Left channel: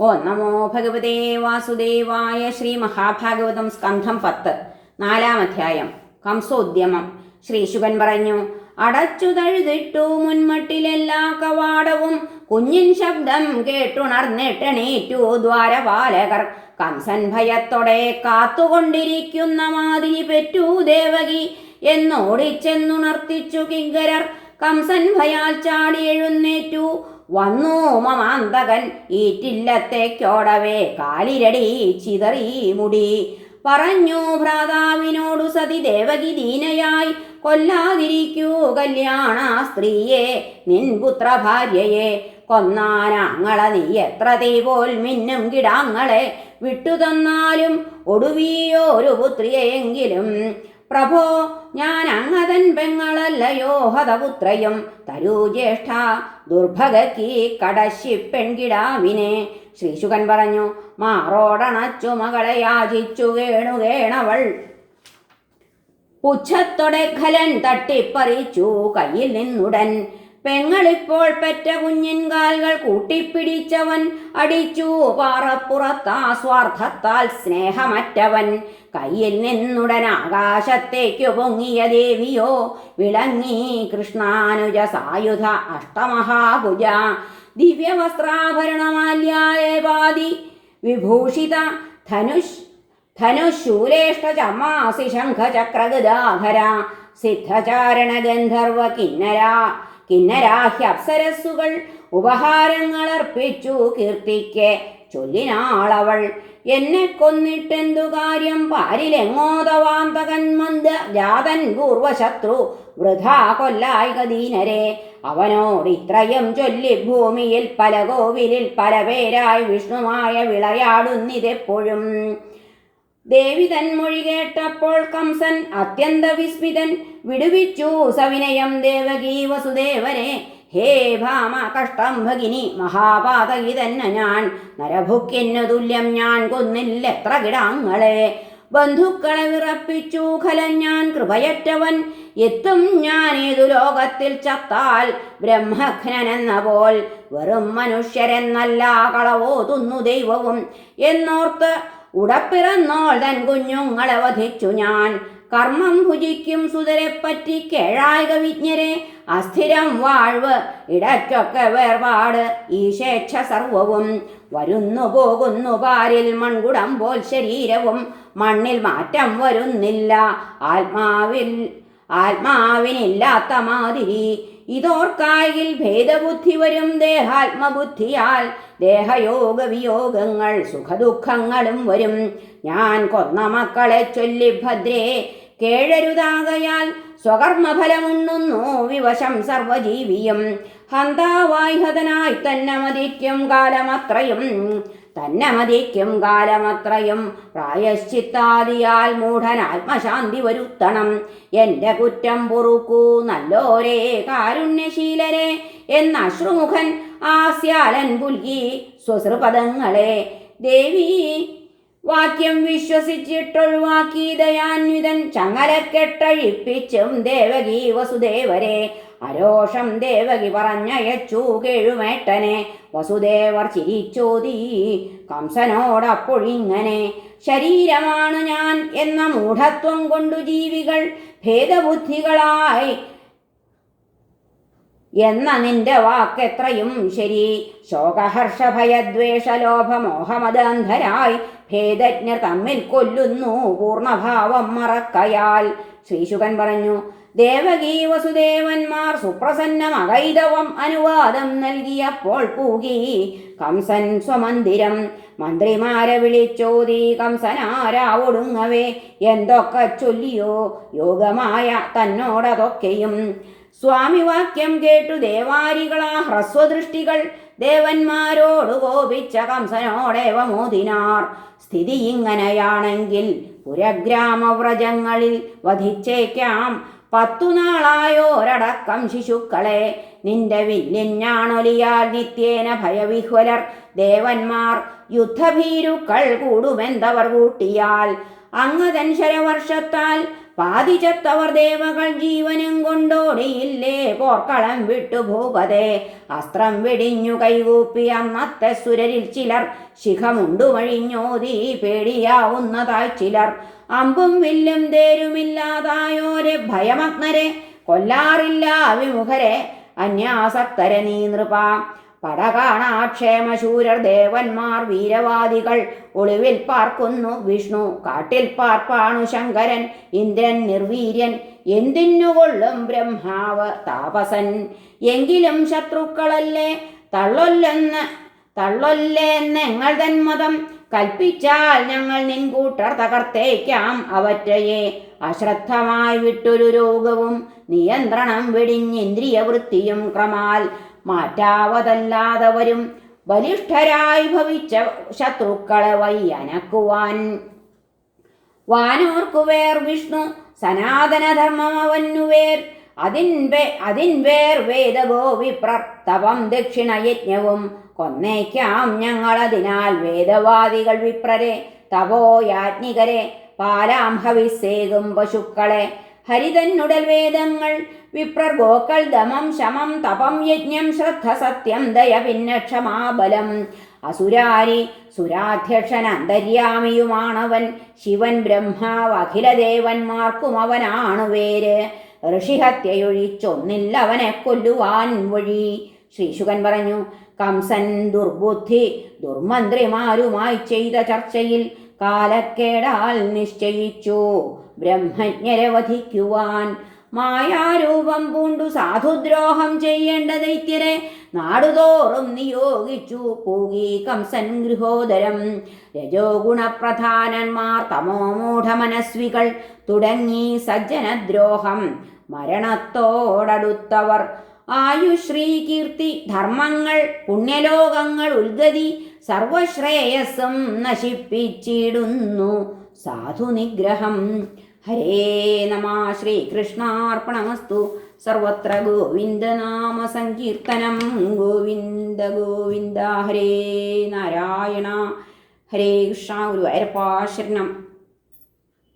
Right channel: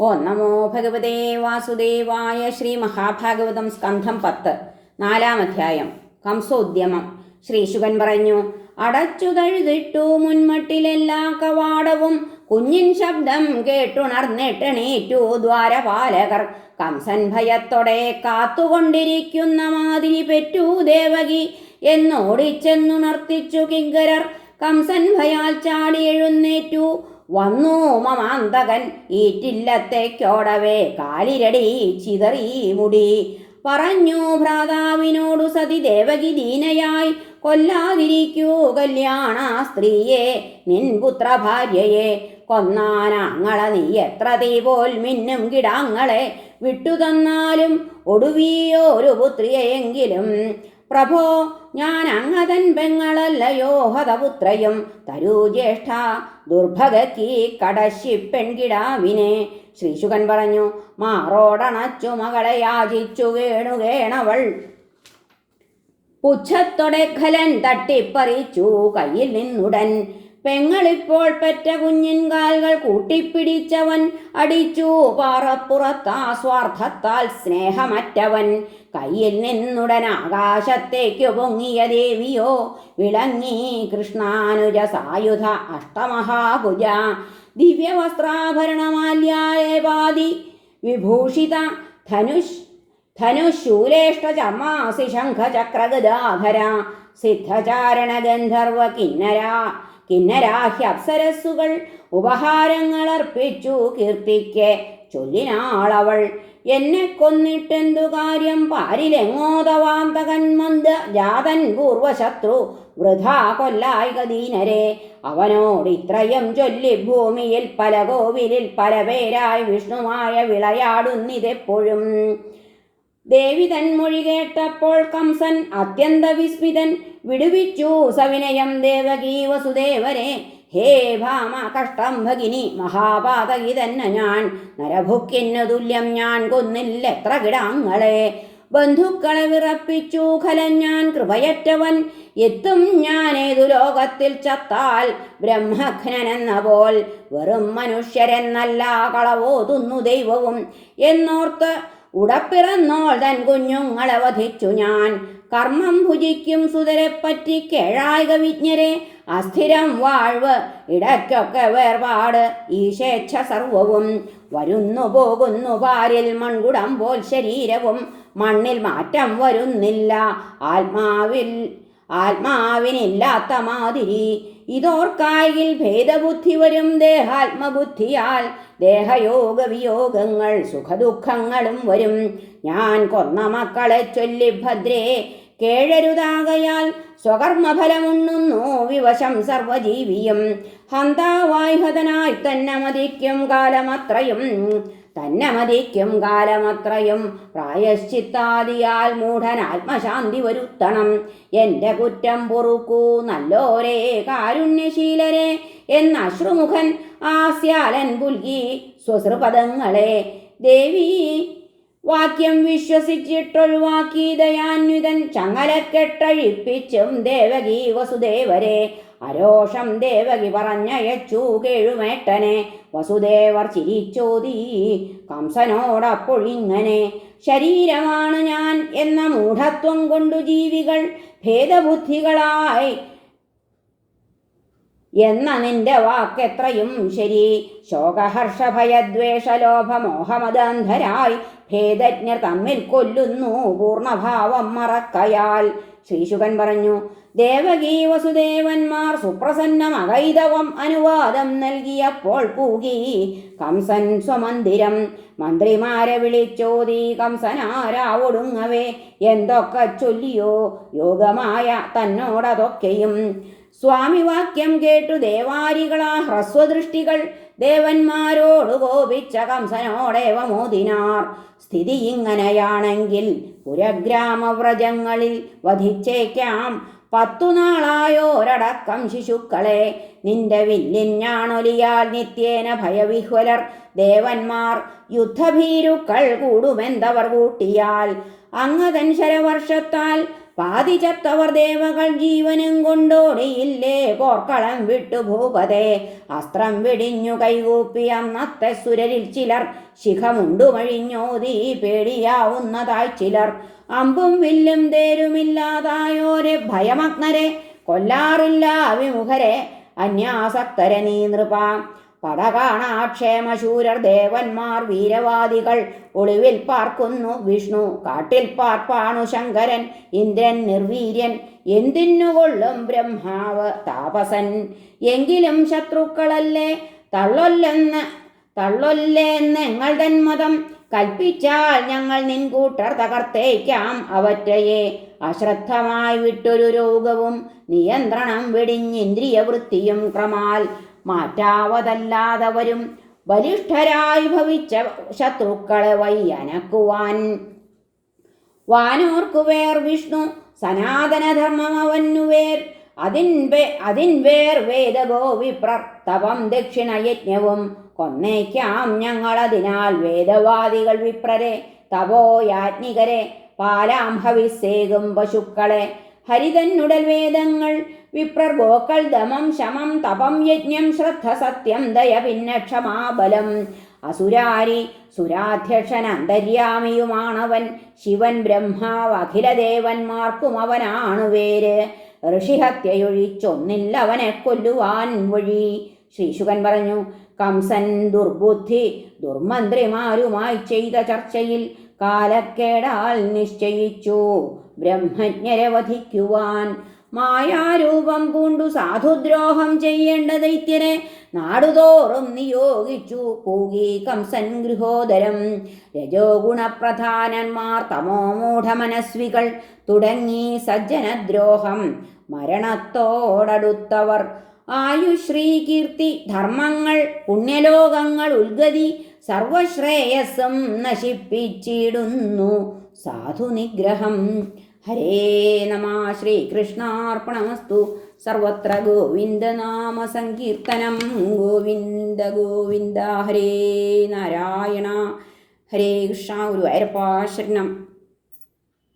ഓ നമോ ഭഗവതേ വാസുദേവായ ശ്രീ മഹാഭാഗവതം സ്കന്ധം പത്ത് നാലാം അധ്യായം കംസോദ്യമം. ശ്രീ ശുഭൻ പറഞ്ഞു അടച്ചു തഴുതിട്ടു മുൻമട്ടിലെല്ലാ കവാടവും കുഞ്ഞിൻ ശബ്ദം കേട്ടുണർന്നിട്ടെണീറ്റു ദ്വാരപാലകർ. കംസൻ ഭയത്തോടെ കാത്തുകൊണ്ടിരിക്കുന്ന മാതിരി പെറ്റു ദേവകി. എന്നോടിച്ചെന്നുണർത്തിച്ചു കിങ്കരർ. കംസൻ ഭയാൽ ചാടി എഴുന്നേറ്റു. വന്നു മമാന്തകൻ ഈറ്റില്ലത്തേക്കോടവേ കാലിരടി ചിതറി മുടി. പറഞ്ഞു ഭ്രാതാവിനോടു സതി ദേവകി ദീനയായി. കൊല്ലാതിരിക്കൂ കല്യാണ സ്ത്രീയെ നിൻ പുത്ര ഭാര്യയെ കൊന്നാനാങ്ങളെ നീ എത്ര തീ പോൽ മിന്നും കിടാങ്ങളെ വിട്ടുതന്നാലും ഒടുവിയോ ഒരു പുത്രിയെങ്കിലും പ്രഭോ ഞാൻ അങ്ങതൻ പെങ്ങളല്ലയോ ഹതപുത്രയും തരൂ ജ്യേഷ്ഠ ദുർഭഗക്കി കടശി പെൺകിടാവിനെ ശ്രീശുകൻ പറഞ്ഞു മാറോടണച്ചു മകളെ യാചിച്ചു കേണുകേണവൾ പുച്ഛത്തൊടെ ഖലൻ തട്ടിപ്പറിച്ചു കയ്യിൽ നിന്നുടൻ. പെങ്ങളിപ്പോൾ പെറ്റ കുഞ്ഞിൻ കാൽകൾ കൂട്ടിപ്പിടിച്ചവൻ അടിച്ചു. പാറപ്പുറത്താ സ്വാർത്ഥത്താൽ സ്നേഹമറ്റവൻ. കയ്യിൽ നിന്നുടൻ ആകാശത്തേക്കു പൊങ്ങിയ ദേവിയോ വിളങ്ങി കൃഷ്ണാനുജ സായുധ അഷ്ടമഹാഭുജ. ദിവ്യവസ്ത്രാഭരണമാല്യായപാതി വിഭൂഷിത ധനുഷ് ധനുശൂലേഷ്ടചമാസി ശംഖചക്രഗദാധര. സിദ്ധചാരണ ഗന്ധർവ അപ്സരസ്സുകൾ അർപ്പിച്ചു കീർത്തിക്ക്. ചൊല്ലിനാളവൾ എന്നെ കൊന്നിട്ടെന്തു കാര്യം? പാരിലെങ്ങോതവാന്തകൻ മന്ദ ജാതൻ പൂർവശത്രു. വൃഥാ കൊല്ലായിക ദീനരെ അവനോടിത്രയും ചൊല്ലി ഭൂമിയിൽ പല കോവിലിൽ പല പേരായി വിഷ്ണുമായ വിളയാടുന്നിതെപ്പോഴും. ദേവി തൻമൊഴി കേട്ടപ്പോൾ കംസൻ അത്യന്ത വിസ്മിതൻ വിടുവിച്ചു സവിനയം ദേവകീ വസുദേവരെ. ഹേ ഭാമ കഷ്ടം ഭഗിനി മഹാപാതകി തന്നെ ഞാൻ. നരഭുക്കിന്നു തുല്യം ഞാൻ കൊന്നില്ല എത്ര കിടാങ്ങളെ. ബന്ധുക്കളെ വിറപ്പിച്ചു ഖലം ഞാൻ കൃപയറ്റവൻ. എത്തും ഞാൻ ഏതു ലോകത്തിൽ ചത്താൽ ബ്രഹ്മഘ്നെന്ന പോൽ. വെറും മനുഷ്യരെന്നല്ല കളവോതുന്നു ദൈവവും. എന്നോർത്ത് ഉടപ്പിറന്നോൾ തൻ കുഞ്ഞുങ്ങളെ വധിച്ചു ഞാൻ. കർമ്മം ഭുജിക്കും സുതരെപ്പറ്റി കേഴായക വിജ്ഞരെ അസ്ഥിരം വാഴ്വ് ഇടയ്ക്കൊക്കെ വേർപാട് ഈശേച്ഛ സർവവും. വരുന്നു പോകുന്നു പാരിൽ മൺകുടം പോൽ ശരീരവും മണ്ണിൽ മാറ്റം വരുന്നില്ല. ആത്മാവിൽ ആത്മാവിനില്ലാത്ത മാതിരി ഇതോർക്കായിൽ ഭേദബുദ്ധി വരും ദേഹാത്മബുദ്ധിയാൽ ദേഹയോഗ വിയോഗങ്ങൾ സുഖദുഃഖങ്ങളും വരും. ഞാൻ കൊന്ന മക്കളെ ചൊല്ലി ഭദ്രേ കേഴരുതാകയാൽ സ്വകർമ്മഫലമുണ്ണുന്നു വിവശം സർവജീവിയും ഹന്താവായ്ഹതനായി തന്നെ മതിക്കും കാലമത്രയും. തന്നെ മതിക്കും കാലമത്രയും. പ്രായശ്ചിത്താദിയാൽ മൂഢൻ ആത്മശാന്തി വരുത്തണം. എന്റെ കുറ്റം പൊറുക്കൂ നല്ലോരേ കാരുണ്യശീലരെ എന്ന അശ്രുമുഖൻ ആസ്യാലൻ പുൽകി സ്വസൃപദങ്ങളെ ദേവി വാക്യം വിശ്വസിച്ചിട്ടൊഴിവാക്കി ദയാന്വിതൻ ചങ്ങലക്കെട്ടഴിപ്പിച്ചും ദേവകി വസുദേവരെ. അരോഷം ദേവകി പറഞ്ഞയച്ചു കേഴുമേട്ടനെ. വസുദേവർ ചിരിച്ചോതി കംസനോടപ്പൊഴിങ്ങനെ ശരീരമാണ് ഞാൻ എന്ന മൂഢത്വം കൊണ്ടു ജീവികൾ ഭേദബുദ്ധികളായി. എന്ന നിന്റെ വാക്കെത്രയും ശരി. ശോകഹർഷഭയദ്വേഷലോഭമോഹമദന്ധരായി. ഭേദജ്ഞർ തമ്മിൽ കൊല്ലുന്നു പൂർണഭാവം മറക്കയാൽ. ശ്രീശുകൻ പറഞ്ഞു ദേവകീ വസുദേവന്മാർ സുപ്രസന്ന മകൈതവം അനുവാദം നൽകിയപ്പോൾ പൂകി കംസൻ സ്വമന്ദിരം. മന്ത്രിമാരെ വിളിച്ചോതി കംസനാരാവൊടുങ്ങവേ എന്തൊക്കെ ചൊല്ലിയോ യോഗമായ തന്നോടതൊക്കെയും. സ്വാമി വാക്യം കേട്ടു ദേവാരികളാ ഹ്രസ്വദൃഷ്ടികൾ. ദേവന്മാരോട് കോപിച്ച കംസനോടേവ മോദിനാർ. സ്ഥിതി ഇങ്ങനെയാണെങ്കിൽ പുരഗ്രാമവ്രജങ്ങളിൽ വധിച്ചേക്കാം. പത്തു നാളായോരടക്കം ശിശുക്കളെ നിന്റെ വില്ലിഞ്ഞാണൊലിയാൽ നിത്യേന ഭയവിഹ്വലർ. ദേവന്മാർ യുദ്ധഭീരുക്കൾ കൂടുമെന്തവർ കൂട്ടിയാൽ അങ്ങതൻ ശരവർഷത്താൽ പാതിച്ചത്തവർ ദേവകൾ ജീവനും കൊണ്ടോടിയില്ലേ? പോർക്കളം വിട്ടു ഭൂപതേ അസ്ത്രം വെടിഞ്ഞു കൈകൂപ്പി അന്നത്തെ സുരരിൽ ചിലർ. ശിഖമുണ്ടുമഴിഞ്ഞോതി പേടിയാവുന്നതായി ചിലർ. അമ്പും വില്ലും തേരുമില്ലാതായോരെ ഭയമഗ്നരെ. കൊല്ലാറില്ല വിമുഖരെ അന്യാസക്തരെ നീ നൃപ. പടകാണാക്ഷേമശൂരർ ദേവന്മാർ വീരവാദികൾ ഒളിവിൽ പാർക്കുന്നു. വിഷ്ണു കാട്ടിൽ പാർപ്പാണു ശങ്കരൻ ഇന്ദ്രൻ നിർവീര്യൻ. എന്തിനുകൊള്ളും ബ്രഹ്മാവ് താപസൻ. എങ്കിലും ശത്രുക്കളല്ലേ? തള്ളൊല്ലെന്ന് ഞങ്ങൾ തന്മതം കൽപ്പിച്ചാൽ ഞങ്ങൾ നിൻകൂട്ടർ തകർത്തേക്കാം അവറ്റയെ. അശ്രദ്ധമായി വിട്ടൊരു രോഗവും നിയന്ത്രണം വെടിഞ്ഞിന്ദ്രിയവൃത്തിയും ക്രമാൽ മാറ്റാവതല്ലാതവരും ബലിഷ്ഠരായി ഭവിച്ച ശത്രുക്കളെ വയ്യനക്കുവാൻ. വാനോർക്കുവേർ വിഷ്ണു സനാതനധർമ്മം അവന്നുവേർ. വേ അതിൻവേർ വേർ വേദവോ വിപ്രർ തപം ദക്ഷിണയജ്ഞവും കൊന്നേക്കാം ഞങ്ങളതിനാൽ വേദവാദികൾ വിപ്രരെ. തപോയാജ്ഞികരെ പാലാം ഹവിസേകും പശുക്കളെ. ഹരിതന്നുടൽ വേദങ്ങൾ വിപ്രർ ഗോക്കൾ ദമം ശമം തപം യജ്ഞം ശ്രദ്ധ സത്യം ദയ പിന്നെ ക്ഷമാബലം അസുരാരി സുരാധ്യക്ഷൻ അന്തര്യാമിയുമാണവൻ ശിവൻ ബ്രഹ്മാവ് അഖിലദേവന്മാർക്കും അവനാണ് വേര്. ഋഷിഹത്യയൊഴിച്ചൊന്നില്ല അവനെ കൊല്ലുവാൻ വഴി. ശ്രീശുകൻ പറഞ്ഞു കംസൻ ദുർബുദ്ധി ദുർമന്ത്രിമാരുമായി ചെയ്ത ചർച്ചയിൽ കാലക്കേടാൽ നിശ്ചയിച്ചു. ബ്രഹ്മജ്ഞരെ വധിക്കുവാൻ മായാരൂപം പൂണ്ടു. സാധുദ്രോഹം ചെയ്യേണ്ട ദൈത്യരെ നാടുതോറും നിയോഗിച്ചു. പൂകി കംസൻ ഗൃഹോദരം രജോ ഗുണപ്രധാനന്മാർ തമോ മൂഢമനസ്വികൾ തുടങ്ങി സജ്ജനദ്രോഹം. മരണത്തോടടുത്തവർ ആയുശ്രീ കീർത്തി ധർമ്മങ്ങൾ പുണ്യലോകങ്ങൾ ഉൽഗതി സർവശ്രേയസ്സും നശിപ്പിച്ചിടുന്നു. സാധുനിഗ്രഹം. ഹരേ നമ ശ്രീകൃഷ്ണാർപ്പണമസ്തു. സർവത്ര ഗോവിന്ദനാമ സങ്കീർത്തനം ഗോവിന്ദ ഗോവിന്ദ ഹരേ നാരായണ. ഹരേ കൃഷ്ണ ഗുരുവായൂരപ്പാ ശരണം.